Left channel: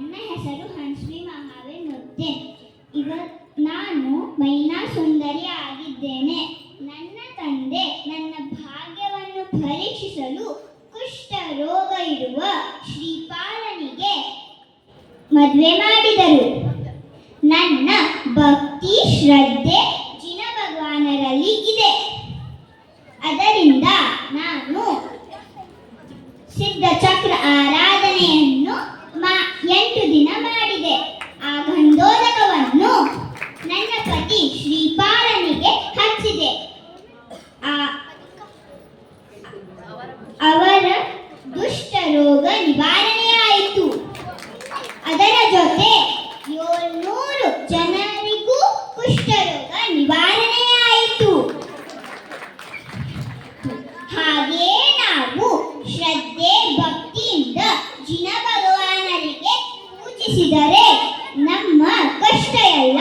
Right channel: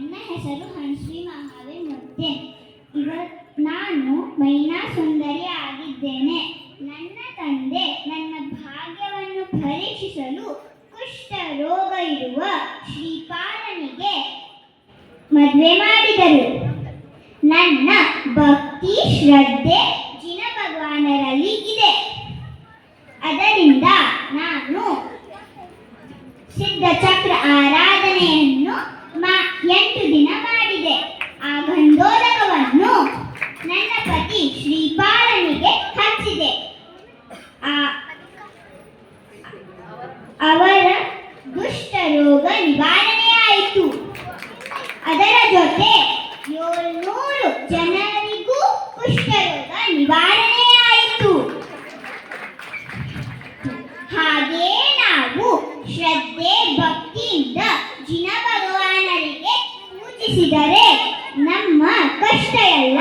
ನನ್ನ ಹೆಸರು ಹನ್ಶ್ರೀ ಮಹಾವೆ ಮುದ್ದೆ ಇವ ನಾನು ಮೈನಾ ಸುಂದರಿ ಆಗಿದ್ದೇನೆ. ನನ್ನ ತಂದೆ ನನ್ನ ಭಾಗ್ಯವನ್ನು ಪರೀಕ್ಷಿಸಲು ಕುಷ್ಠ ರೋಗ ಇರುವ ಶ್ರೀಪಾಲನಿಗೆ ಮದುವೆ ಮಾಡಿದರು. ನನ್ನ ಭಕ್ತಿ ಶ್ರದ್ಧೆ ಜಿನ ಭಗವಾನರಲ್ಲಿ ಇದೆ. ಅದರಿಂದ ನಾನು ಸಿದ್ಧ ಚಕ್ರ ಆರಾಧನೆಯನ್ನು ಜೊತೆ ಏಳ್ನೂರು ಜನರಿಗೂ ಕುಷ್ಠರೋಗ ನಿವಾರಣೆಯಾಯಿತು. ಹಾಗೇ ನಾವು ಶ್ರದ್ಧೆ, ಭಕ್ತಿಯಿಂದ ಜಿನ ಭಗವಾನರಿಗೆ ಪೂಜಿಸಿದರೆ ನಮ್ಮ ಕಷ್ಟ ಎಲ್ಲ